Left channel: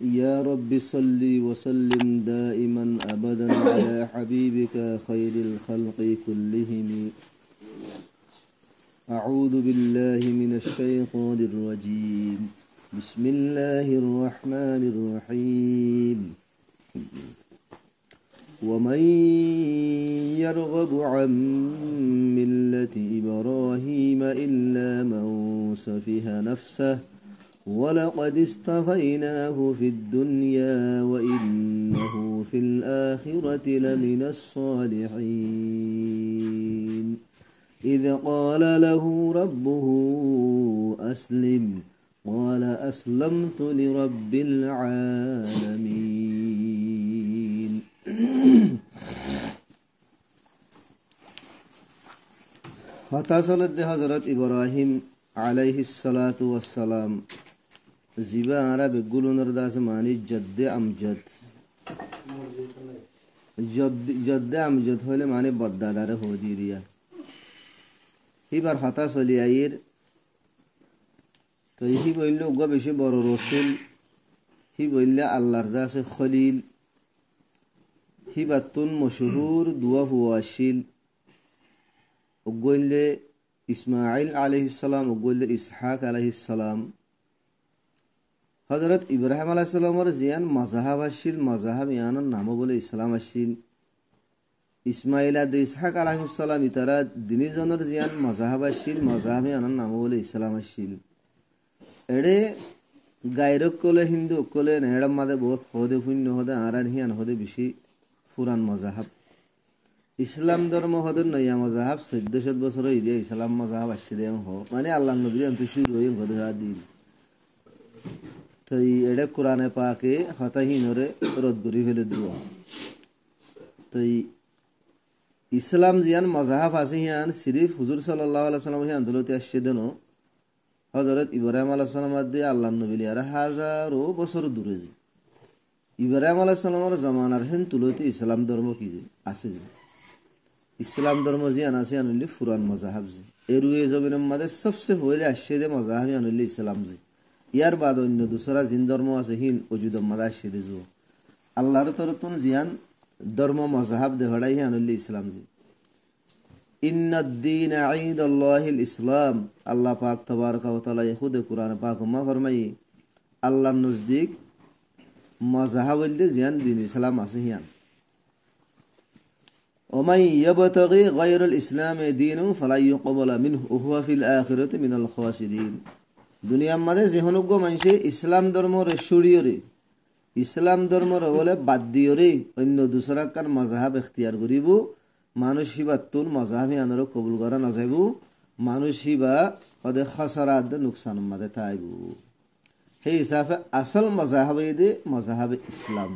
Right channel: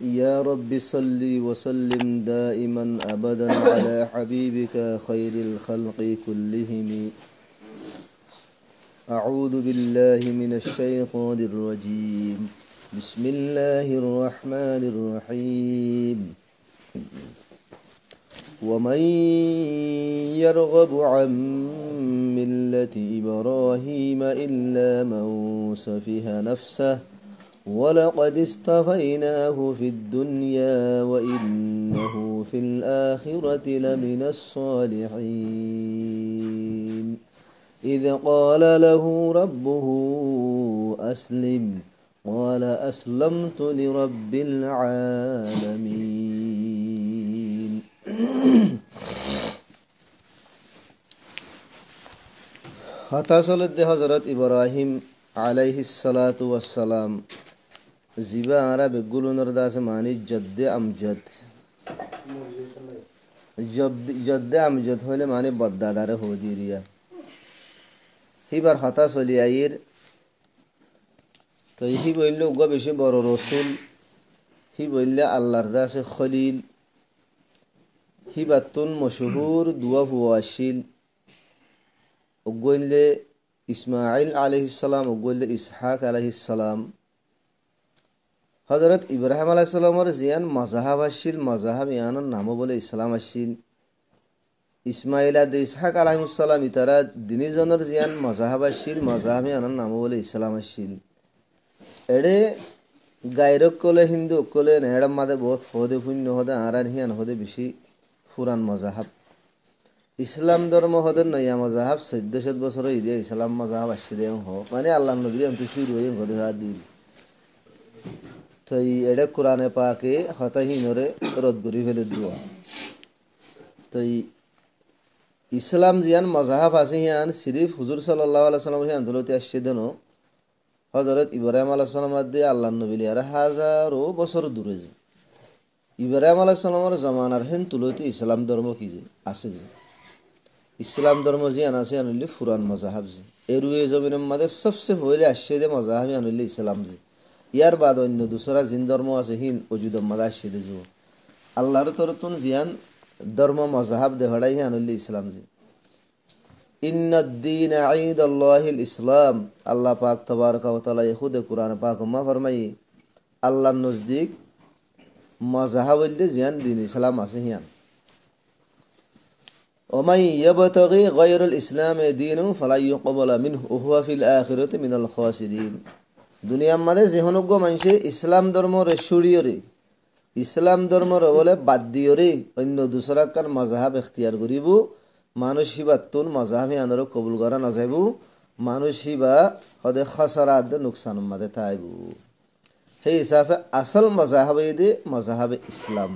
يا رب صل وسلم دائما أبدا على حبيبك خير الخلق كلهم. أعوذ بالله من الشيطان الرجيم. بسم الله الرحمن الرحيم. ومن يرغب عن ملة إبراهيم إلا من سفه نفسه ولقد اصطفيناه في الدنيا وإنه في الآخرة لمن الصالحين. إذ قال له ربه أسلم قال أسلمت لرب العالمين. হতাশলদ্দে হজরত ইব্রাহিম আলাইহিস সালাতু ওয়াস সালাম জিবা আরব গুলুনর দাস মানি জদ্দে আমজদ হলে মানে বদ্দাদারে হদি দিয়া হিবার হতাশ হলি আইর তো হি বললে উগা বেশি বড় রসুল, হি বললে আল্লাহর দাসে খলিল, হি বাতুন মশহুর দুয়া হুয়াশিল উগলে ইসমাইল আলাইহিস সালাম উগলে ইসহাক আলাইহিস সালাম। হজরত ইব্রাহিম আলাইহিস সালামের জিয়ান মাযহাব আসিল, মাযহাব ইয়ানোর নাম বলে ইসলাম আসিল। ইসমাইল আদ ইসহাক আলাইহিস সালাম ইতারা দিনী জনের জিয়ান মাযহাব আসিল, মাযহাব ইয়ানোর নাম বলে ইসলাম আসিল। এড়ে গায়রক কলে হিন্দু কলে নেড়াম মাদে বহুত হদে শূন্য হদে আরান হিয়ান হদে বেশি পুরান মাযহাব। ইসলাম ধর্ম হদে নয়া মাযহাব 1400 বছর ইদে ইসলাম মাযহাব আসিল মানে আল্লাহ নবী অন্ত শুরু হয়ে হদে হাদি তো এড়ে কোরআনে পাকে হতাহীনরে রদ করি ফেলে দুয়া। তো ইসলাম জিয়ান মাযহাব আছে হিয়ান সিরিফ হুজুর সাল্লাল্লাহু আলাইহি সাল্লাম হিয়ান দলতে আসছে দেন হজরত ইব্রাহিম আলাইহিস সালাম দিয়ে আল্লাহ নবী আর হাজারো বছর দূরে যে ইব্রাহিম আলাইহিস সালামের জামানার হেন তুলতে ইসলাম ধর্ম কি যে আছে যে ইসলাম ধর্ম জিয়ান আছে আনলি ফুরান মাযহাব যে এরুয়ে জমিনের মাঝে সবচেয়ে পहिले আসছে দে মাযহাব আনলি ইসলাম যে ইয়ার বাদ অন্য দুসরা জিন ধর্ম আছে হিন ওজুদম মাদা আসছে দে যে আল্লাহর তরতুন জিয়ান ধর্ম মাযহাব দে হড়াই আনলি ইসলাম যে ইন্নাদ-দীন ইনদাল্লাহিল ইসলাম। আল্লাহ পাক তাবারকা ওয়া তাআলা খুদ কুরআন পাক মা ফরমাই আল্লাহর নজদিক মাযহাব হইলে জিয়ান দ্বীন ইসলাম আছে হিয়ান। ওমাই ইয়াবতাগি গায়রুল ইসলাম দীনু ফালা ইউকবালা মিনহু ওয়া হুয়া ফিল আখিরাতি মিনাল খাসিরিন। দুনিয়ার মাঝে যেহনজ্ঞ মানুষে ইসলাম ধর্মরে সরিয়রে ইসলাম ধর্মর বলে বাদ দিয়রে অন্য দুসরাকার মাযহাব ইখতিয়ার করিব মানুষ হিবাতুন মাযহাব আনর কবুল করা না যাইব, মানুষ হিবা হদে খাসারাত নুকসান মাদে তাইব। সেই হিসাবে আসল মাযহাব দে মাযহাব ইসলাম।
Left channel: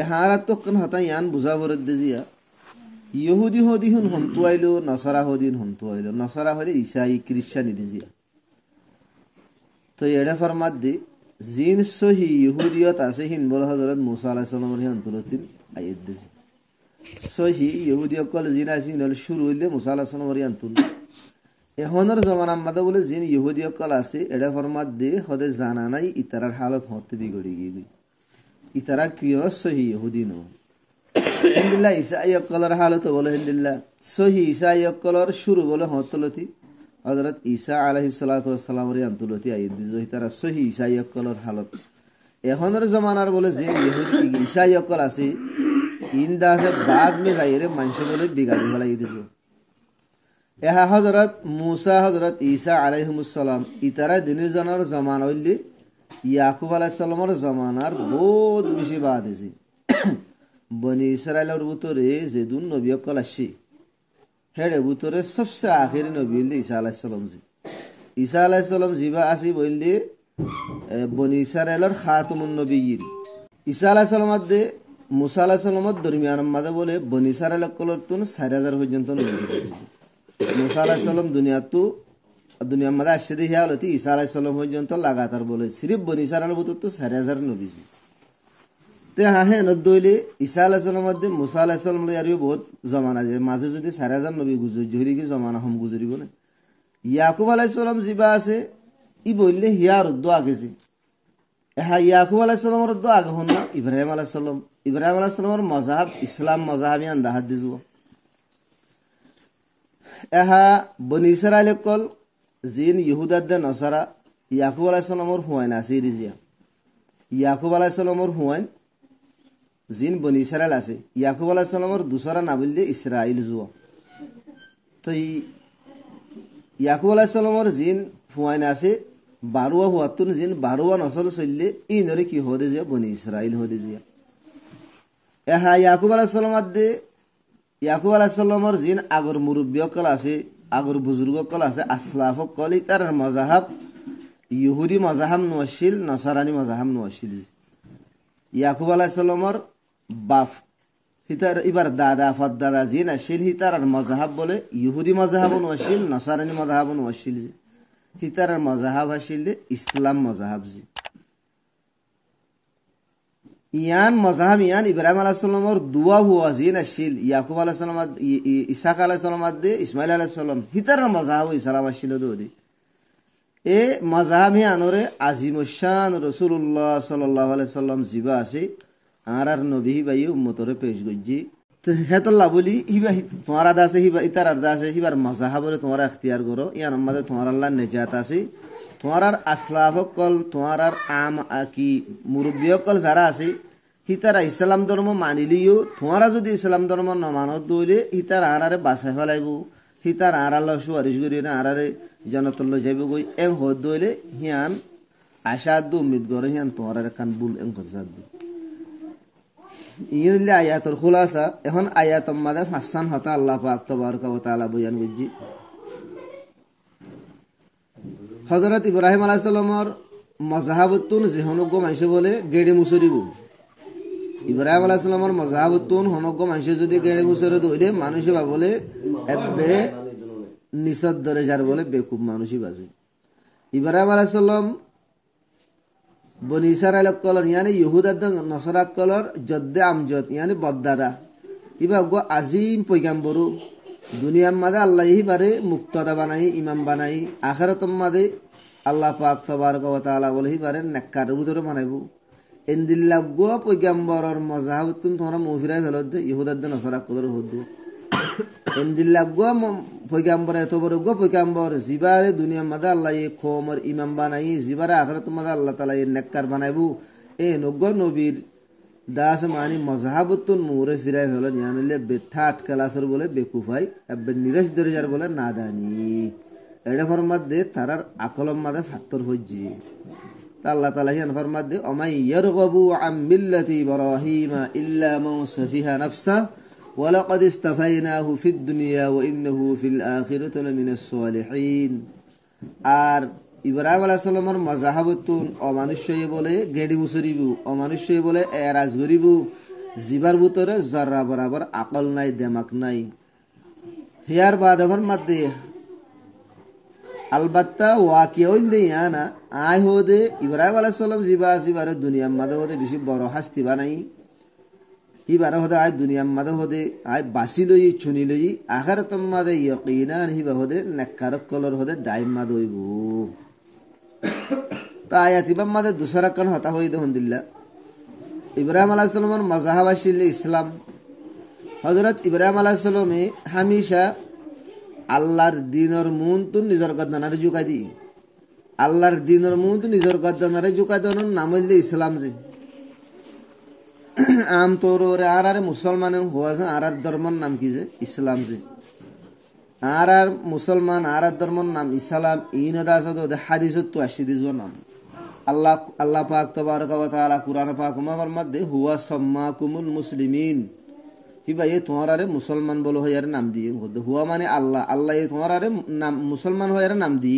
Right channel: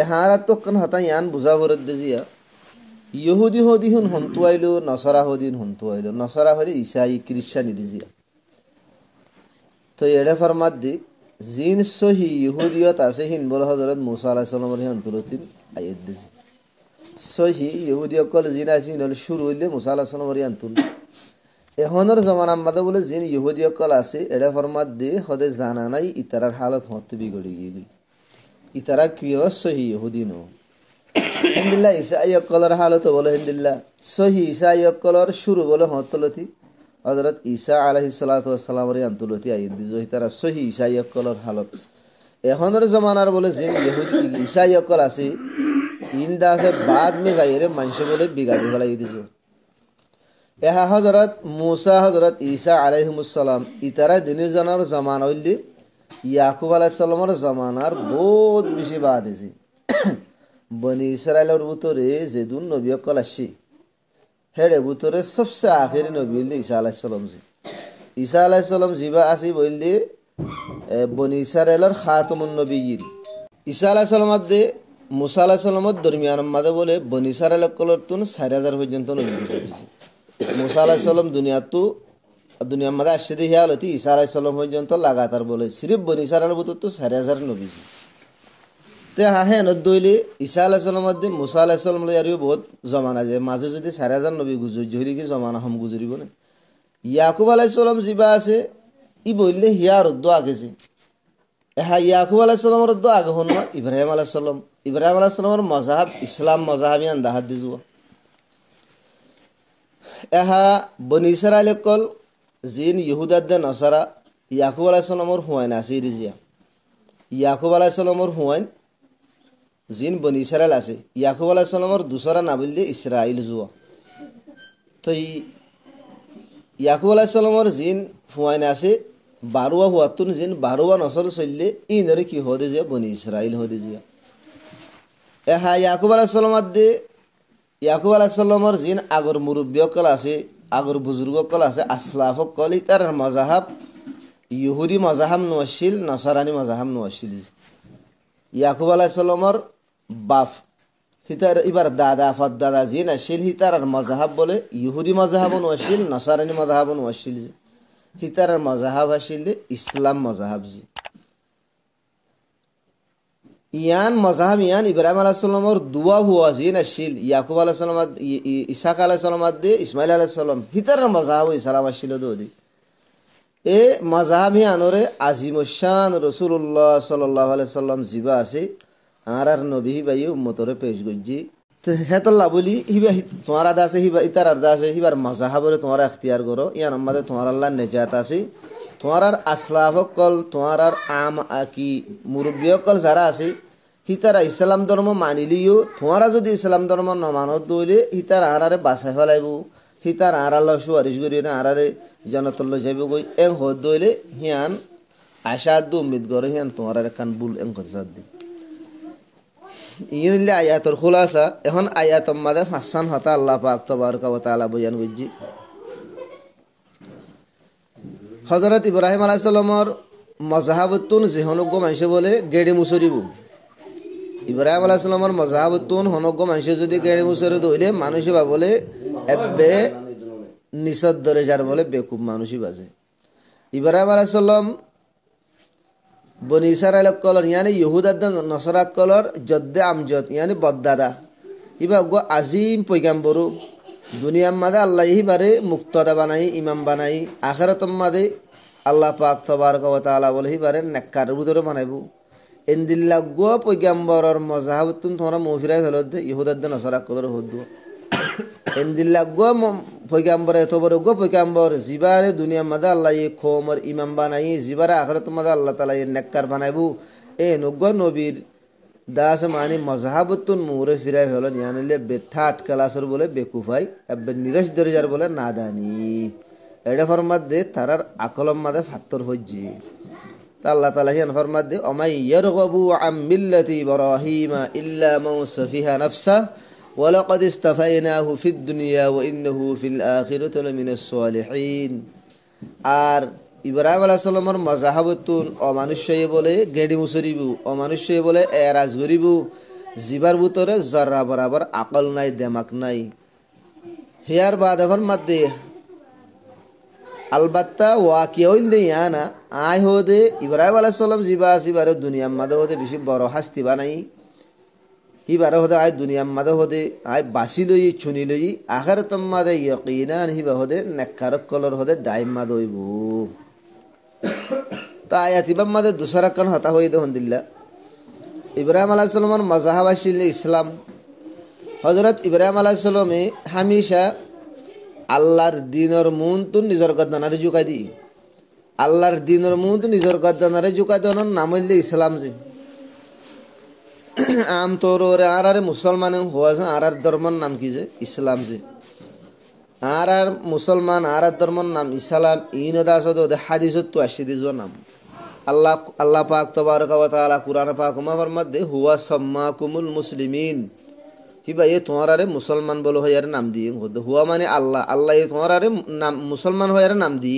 এ হারাত তো কোন হতা ইয়ান বুঝা ভরত দিয়া ইহুদি হদি হুন হন্তু আইলো, নসারা হদিন হন্তু আইলো, নসারা হলে ঈসাই খ্রিস্টান ইরিজিয়া। তো এডে ফরমাত দি জিন সহি ইহুদিয়ত আছে হিন বল হযরত মুসা আলাইহিস সালামের হি অন্তরতিন আয়াত দিছি সহি ইহুদি অকল জিন আছে নল শুরু হইলে মুসা আলাইহিস সালামের আনতুন এহনর জামানা মাদে বলে জিন ইহুদি অকল আছে এডে ফরমাত দি হদে জানা নাই ইতারার হালত হতে বিগড়ি গই ইতারা কিয় সহি ইহুদি নো হিন্দিল্লাহ ঈসাই অকলর হালত বলে হিন্দিল্লাহ সহি ঈসাই অকলর শুরু বলে হতলতি হযরত ঈসা আলাইহিস সালাতু ওয়াস সালামের আনতুলতি আইন দিজো ইতারা সহি ঈসাই অকলর হালত এহনর জামানার বলে জিন ইহুদি ঈসাই অকল আছে ইন্দা আছে বাদ মে যাইরে মানুষ বলে বিগাড়ি ফেলাই দিছো। এহা হযরত মুসা হযরত ঈসা আলাইহিমুস সালাম ইতারা দিনের জনের জামান হইলে ইয়াকুব আলাইহিস সালামের জামানার বহুত বেশি বাদ আছে। বনি ইসরাইলের ভিতরে যেদুন নবী অকল আসছে হেড়ে ভিতরে সবচেয়ে আখেরি নবী হইলে ঈসা আলাইহিস সালাম জি ঈসা আলাইহিস সালাম জিবা আসি বললে বনি ইসরাইলের খাতামুন নবিয়্যিন। ঈসা আলাইহিস সালাম দে মুসা আলাইহিস সালামের দরমিয়ান মাদে বলে বনি ইসরাইল কলতুন 4000 পর্যন্ত নবী দিয়েছে। মুসা আলাইহিস সালাম দুনিয়ার মাদে আসছে দি হিয়ালতি ঈসা আলাইহিস সালাম পর্যন্ত লাগাতার বলে সিরিফ বনি ইসরাইলের ভিতর তো 4000 নবী তে হ্যাঁ নদইলে ঈসা আলাইহিস সালামের দে মুসা আলাইহিস সালাম লয়ারিও বহুত জমানা যে মাঝে যদি 4000 নবী গুজরি জহরি কি জমানা হম গুজরিব না। ইয়াকুব আলাইহিস সালাম জিবা আছে ই বললে হিয়ার উদ্দ আগেছে এহা ইয়াকুব আলাইহিস সালামর তো আগে হন না ইব্রাহিম আলাইহিস সালাম। ইব্রাহিম আলাইহিস সালামর মজাহাব ইসলাম মজাহাবিয়ান দাহাত দিজু। এহা বনি ইসরাইল কল জিন ইহুদাদ্দে নসারা ইয়াকুব আলাইহিস সালামর হুয়াইন আছে রিজিয়া। ইয়াকুব আলাইহিস সালামর হুয়াইন জিন বনি ইসরাইল আছে। ইয়াকুব আলাইহিস সালামর দুসরা নাবিল দিয়ে ইসরাইল জুয়া। তো ইয়াকুব আলাইহিস সালামর জিন হুয়াইন আছে 12 হুয়াতুন জিন 12 নসল চললে ইনরে কি হদে যে বনি ইসরাইল হদে যে। এহা ইয়াকুব আলাইহিস সালামত দে ইয়াকুব আলাইহিস সালামর জিন আগর মুরব্বী কল আছে, আগর বুজুর্গ কল আছে, আসলাফ কল তার মজাহাব ইহুদি মজাহাব নওয়াশিল, নসারানি মজাহাব নওয়াশিল। ইয়াকুব আলাইহিস সালামর বাপ হিতার এবার দাদা ফদাদা জিন আসিল হিতার মজাহাব বলে ইহুদি মজাহাব নওয়াশিল, নসারানি মজাহাব নওয়াশিল। হিতার মজাহাব আসিল ইসলাম মজাহাব জি। ইয়ান মজাহাব ইয়ান ইব্রাহিম আলাইহিস সালামর দুয়া হুয়া জিন আসিল ইয়াকুব আলাইহিস সালাম ইসাক আলাইহিস সালাম দে ইসমাইল আলাইহিস সালাম হিতার মজাহাব ইসলাম আসিল দোদি। এ মজাহাব ইয়ানরে আজিমুশান রাসূলুল্লাহ সাল্লাল্লাহু আলাইহি সাল্লাম জিবা আছে আর নবী ভাই উম্মতরে পেশ গজ্জি। তো হেতল্লা বলি হিবা তোমার আদা আছে হিবা ইতার আদা আছে হিবার মজাহাবরে তোমার ইখতিয়ার করো। ইয়ার মধ্যে তোমার আল্লাহ নেজাত আছে। তোমার আসলাফ কল তোমার আম কি মুরব্বী কল যারা আছে হিতারা ইসলাম ধর্ম মানিলিও তোমারা যদি ইসলাম ধর্ম নমানত দইলে হিতার আরারে বাছাই ফেলাইব, হিতার আল্লাহ সুয়ারিশ করি না আরারে জনতল যাইব গই এং হদ দইলে হিয়ান আশাদ উম্মিদ করে হিয়ান তোমার কান বুল এং গজাদ দি। ইনলে আয়াতর খুলাসা এখন আয়াতর মাঝে ফাঁসান হতা আল্লাহ পাক তাবারকা ওয়া তাআলা বয়ান করছি। হযরত ইব্রাহিম আলাইহিস সালামর মজাহাবতুন জিহনজ্ঞ মানুষ বলে গেড়ে মুসরিব। ইব্রাহিম আলাইহিস সালামর মজাহাবতুন হনজ্ঞ মানুষ যদি গেড়ে মুসরে দইলে মানুষই বা বলে এবে নিসদ ধরে যার বলে বেকুব মানুষই বাজে। ইব্রাহিম আলাইহিস সালাম বনি ইসরাইল কলর ইয়ানি ইহুদাদ নসরা কলর জদ্দে আমজদ ইয়ানি বদ্দাদা ইবা গো আজিম পয়গাম্বরু দুনিয়ার মাঝে আল্লাহ ইবারে মুক্তদা বানাই ইমাম বানাই আখিরাতের মাঝে আল্লাহ পাক তাবারকা ওয়া তাআলা বলে ইবারে নেককার ভিতরে বানাইবো। এন্দিল্লা গো পয়গাম্বরর মজাহাবতুন তোমরা মুফিরাই ফেলত দে ইহুদাদ নসরা কলর হদ্দু এন্দিল্লা গো পয়গাম্বর এত বড় গো পয়গাম্বর জিবারে দুনিয়ার মাঝে আল্লাহ কওমর ইমাম বানাই জিবারে আখিরাতের মাঝে আল্লাহ তাআলা নেককার বানাইবো। এ নগ্গ নবীর দাস মানি মজাহাবতুন মুরে ফিরাই হল ইয়ানলে বেঠা আটকালাসর বলে বেকুফাই এবে নিরশ দরজার বলে নাদানি এটা ফরমাত দে তারার আকলম মাদে ফাত্তর হজ্জি। তা আল্লাহ তাআলা ইয়ান ফরমাত দে অমাই ইয়ারগাবু আম মিল্লাতি ইব্রাহিমা ইল্লা মান সাফিহা নাফসা ওয়া লাকাদ ইস্তাফাইনাহু ফিদ দুনিয়া ওয়া ইন্নাহু ফিল আখিরাতি লামিনাস সালিহিন। আর ইব্রাহিম আলাইহিস সালামর মজাহাবতুন অমানুষ্য বলে গেডি মুসরিবু, অমানুষ্য বলে এরাজ গরিবু, জিবার ভিতরে জরা বরাবর আকল নাই দেমাক নাই। হিয়ার বাদ এখন মাদ্দে আলবাত্তা ওয়াকিয়া হইলে ইয়ানা আয় হদে ইব্রাহিম আলাইহিস সালাম জিবা আসিবারে দুনিয়ার মাঝে হদে বেশি বড় হাস্তি বানাই হিবারে হদে আয় দুনিয়ার মাঝে হদে আয় বাসি লই ছুনি লই আখিরাতের মাঝে ইয়াকিনান হিবা হদে নেককারক কলর হদে ডাইম মাদ হইব। তা আয়াতিবাম মাদে দুসরা কান হতা হই দে হন্দিল্লা ইব্রাহিম আলাইহিস সালামর মজাহাব আসিল ইসলাম। হযরত ইব্রাহিম আলাইহিস সালামে হামেশা আল্লাহর দ্বীনের মুনতুন নিজর গদ্দানারে জুকাই দি, আল্লাহর দ্বীনের মুনতুন নিজর গদ্দানারে জুকাই দনর নাম হইল ইসলাম জি। আম তোরে আর মুসলমান হওয়া আর ধর্মর নাম কি যে ইসলাম জি। আর মুসলমান আর ধর্মর নাম ইসলাম ইনদাসদ হাদিসত তো আসি দিজ নাম আল্লাহ পাক তাবারকা ওয়া তাআলা কুরআন পাক মা ফরমাত দে হুয়া সাম্মাকুমুল মুসলিমিন হিবা এ তোমারে মুসলমান বলো হইয়ার নাম দি হুয়া মানে আল্লাহ আল্লাহ এ তোমারে নাম মুসলমান হইয়ার নাম দি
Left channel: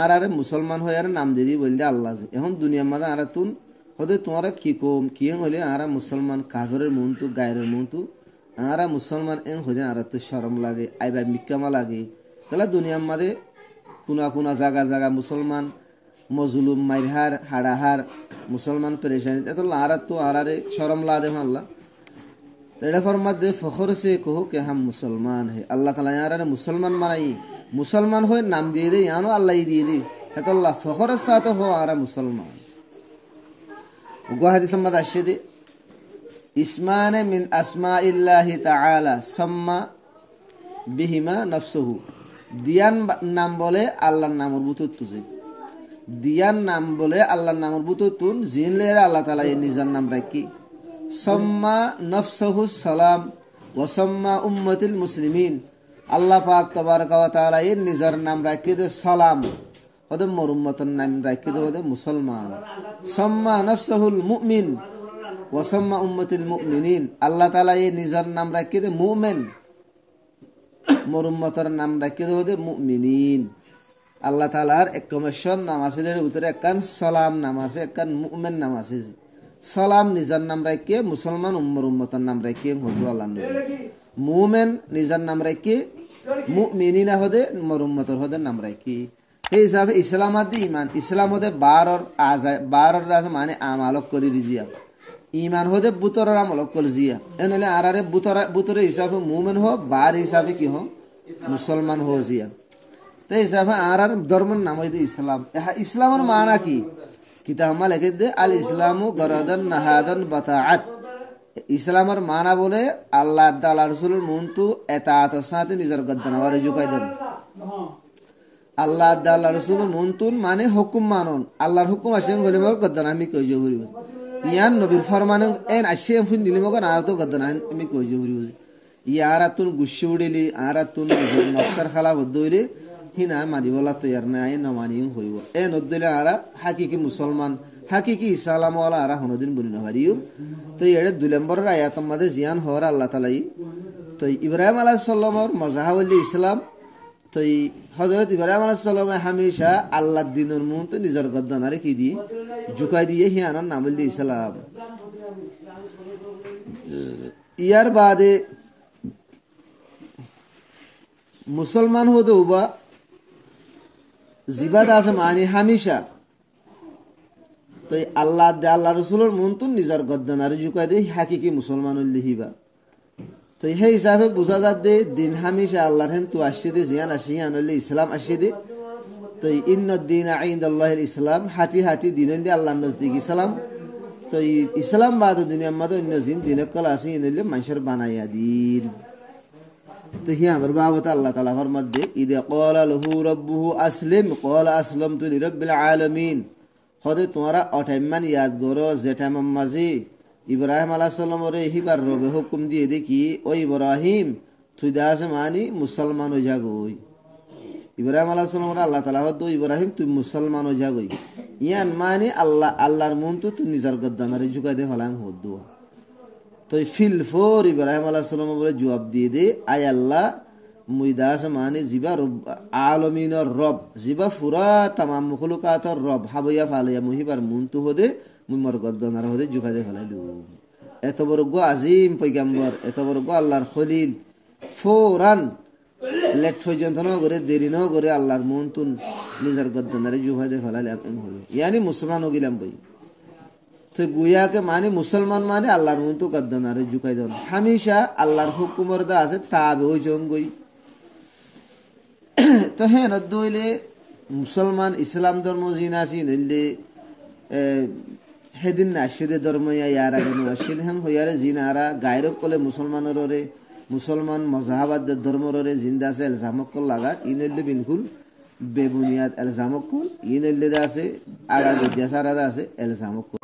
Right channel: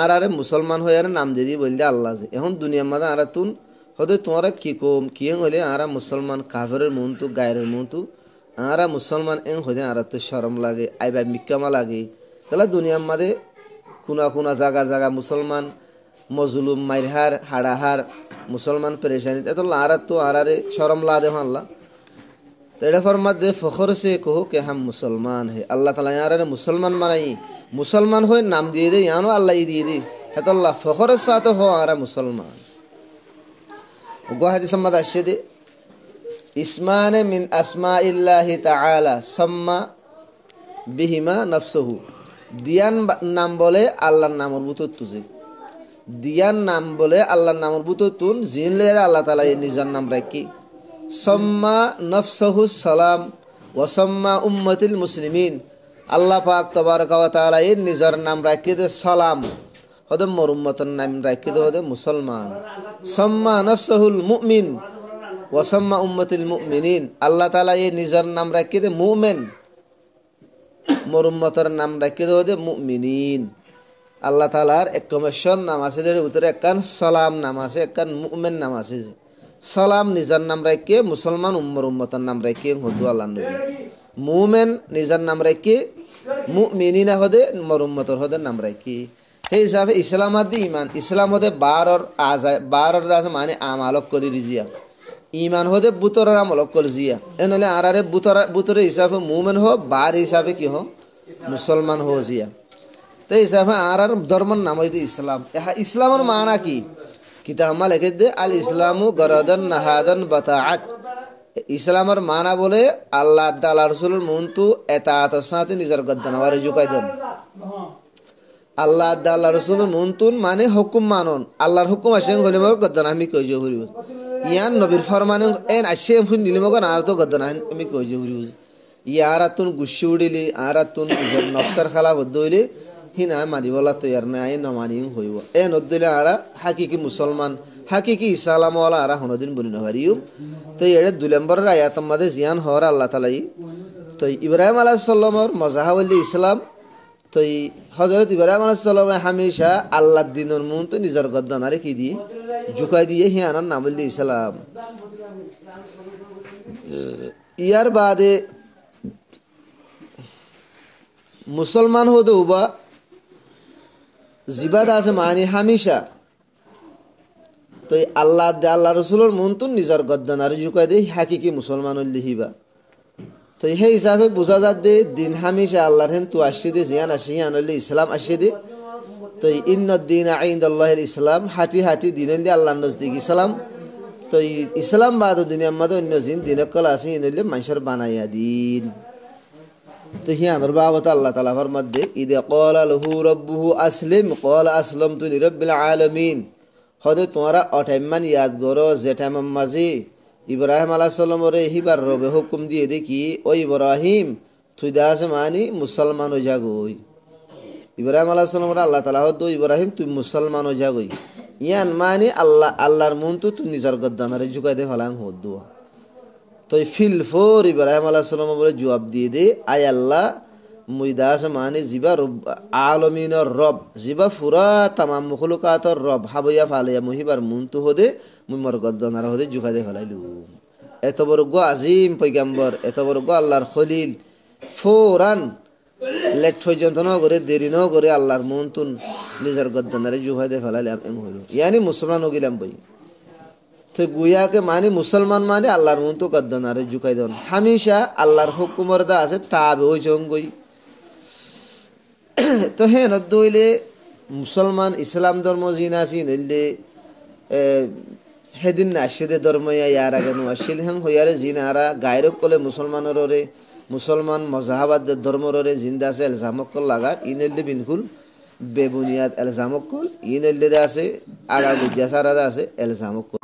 আর মুসলমান হইয়ার নাম দি বললে আল্লাহ যে। এখন দুনিয়ার মাঝে আর তুন হদে তোমারা কি কম কি হইলে আর মুসলমান কাফেরের মন তো গায়ের মন তো আর মুসলমান এন হইলে আর তো শরম লাগে আইবা মিক্কামা লাগে। তাহলে দুনিয়ার মাঝে কোনা কোনা জায়গা জায়গা মুসলমান মজলুম মাইরহার হাড়াহার মুসলমান পরেশানি এত আর তো আরে শরম লা দে আল্লাহ तेरे फरमात दे फखर से कहो कि हम मुसलमान है। अल्लाह ताला यार मुसलमान बनाई मुसलमान हो नाम दिए दे यानो अल्लाह ही दिए दे है तो अल्लाह फखर साथ हो आरा मुसलमान গো হাদিস সম্মাদ আসছে দে ইসমানে মিন আসমাইল্লাহি তাআলা সাম্মা বিহিমা নাফসুহু দিয়ান নাম বলে আল্লাহর নামের ভিতর তুজে দিয়ান নাম বলে আল্লাহর নামের ভিতর তুন জিনলে আল্লাহ তাআলা নিজের নাম রাখি সাম্মা নাফসুহু সালাম ওয়া সাম্মা উম্মাতুল মুসলিমিন আল্লাহ পাক তাবারক ওয়া তাআলা নিজের নাম রাখি দে সালাম হদে মোর উম্মতের নাম রাখি দে হদে মুসলমান সাম্মা নাফসুহুল মুমিন ওয়া সাম্মা উম্মাতুল মুমিনিন আল্লাহ তাআলা নিজের নাম রাখি দে মুমিন মোর উম্মতের নাম রাখি দে হদে মুমিনিন আল্লাহ তাআলার এক কমিশন নাম আছে এর ভিতরে একখান সালাম নাম আছে একখান মুমিন নাম আছে সালাম নিজের নাম রাখি মুসলমান উম্মতের নাম রাখি হদু আল্লাহ নবী মুমিন নিজের নাম রাখি মুমিনিনা হদে মোর উম্মতের হদে নাম রাখি এই হিসাবে ইসলাম আদি ইমান ইসলাম হদে 12 আছে মানে আমালক করি রিজিয়া ইমান হদে বুতরের আমলক করি জিয়া এনলে আরারে বুতরে হিসাবে মুমিন হো বার হিসাবে কি হো মুসলমান হো জিয়া তো হিসাবে আর ধর্মের নাম হইতে ইসলাম ইসলামের মানা কি কিতাব আমা লিখে দে আল ইসলামু গরাদান নাহাদান বাতাআত ইসলামের মানা বলে আল্লাহ তাআলা রাসূলের মুনতু এতাআতের সাথে নিজের গদ্দানাওয়ার জুকাই দেন আল্লাহ তাআলা রাসূলের মুনতুন মানে হুকুম মানন আল্লাহর হুকুম আসে হলে মোর গদ্দানা আমি কই যে হরিব ইয়ান নবীর ফরমানে এন আসে ফুন দিলে মগন আর তো গদ্দানা আমি কই যে হরিব ইয়ারাতুন গুশি উড়িলি আরাতুন নফসর খালা বদইলি হিনা মারি বলা তৈয়ার নাই না মানি হইব এ নদলে আরা হাকিকি মুসলমান হাকিকি ইসলাম ওয়ালা আরা হনদিন বলি না পারিও তো এড়ে 2 নম্বরের আয়াতের মধ্যে জিয়ান হওয়ার আল্লাহ তাআলা তো ইব্রাহিম আলাইহিস সালামের মাযহাবুল ইসলাম তো হযরত ইব্রাহিম আলাইহিস সালামে হামেশা আল্লাহর দ্বীনের মন তো নিজের গদ্দানারে কি দিয়ে ঝুকাই দিয়ে হিয়ানার নাম বলি ইসলাম ইয়ার বাদে মুসলমান হতে উবা জিবাদ আছে মানে হামেশা তো আল্লাহ রসুলের মন তো নিজের গদ্দানারে ঝুকাই দিয়ে হাকিকি মুসলমানের লিহিবা তো সেই হিসাবে বোঝা যাতে দিন হামেশা আল্লাহর হেন তো আসছে দে জিয়ান আসি আনলে ইসলাম আসছে দে তো ইন্নদ্দিন ইনদাল্লাহিল ইসলাম হাঁটি হাঁটি দিন আল্লাহর নজদিক ইসলাম তো ইসলাম বাদ দুনিয়ার মধ্যে অন্য জিন দিন কল আছে ইনলে মানুষের বানাইয়া দিন তো হিয়ানোর বাবত আল্লাহ তাআলা ফরমাতে ইদা ক্বালা লাহু রাব্বুহু আসলিম ক্বালা আসলামতু লিরাব্বিল আলামিন হদে তোমরা অটাইমান ইয়াদ করো যেটাম মাঝি ইব্রাহিম আলাইহিস সালামের হিবার রবে হুকুম দিয়ে দেখি ও ইব্রাহিম তুই দাস মানি মুসলমান হয়ে যাগই ইব্রাহিম আলাইহিস সালামের আল্লাহ তাআলা হদ ইব্রাহিম তুই মুসলমান হয়ে যাগই ইয়ান মানি আল্লাহর মন তো তুই নিজের গদ্দানারে ঝুকাই দে হলাং হদ তো ফিল ফোর ইব্রাহিম আলাইহিস সালাম বলে জবাব দিয়ে দে আয় আল্লাহ মুই দাস মানে জিবা রব আলামিনের রব জিবা ফুরা তামাম মখলুকাতের রব হাবইয়া ফালিয়া মুহিবার মুনতু হদে মুই মোর গদ্দানার হদে জুকা দে ফলাইলু এত বড় গো আজিম পয়গম্বর এত বড় গো আল্লাহর খলিল ফৌরান লেট পর্যন্ত ন করে দেরি ন করে আল্লাহর মুনতুন নিজের গদ্দানারে জুকা দে ফলাইলে এম হলো ইয়ানি মুসলমান হয়ে গেলাম বই তো গুয়াকে মানে মুসলমান মানে আল্লাহর মন তো গদ্দানারে ঝুকাই দেন হামেশা আল্লাহর হুকুমের দা আছে তাবে ওই জঙ্গই তো হে নদইলে মুসলমান ইসলাম ধর্ম জিনাসি নইলে হেদিন নাশিদে ধর্ম ইয়ার আগে নশিল হং হইয়ারে জিনারা গায়রব কলে মুসলমানরে মুসলমান মজাহাবাদ ধর্মরে জিন্দা আছে এলজামক লাগা ইনেলে বিনকুল বেবুনিয়াদ এলজামক ইনেলে আছে আগা গুজাসারা আছে এলজামক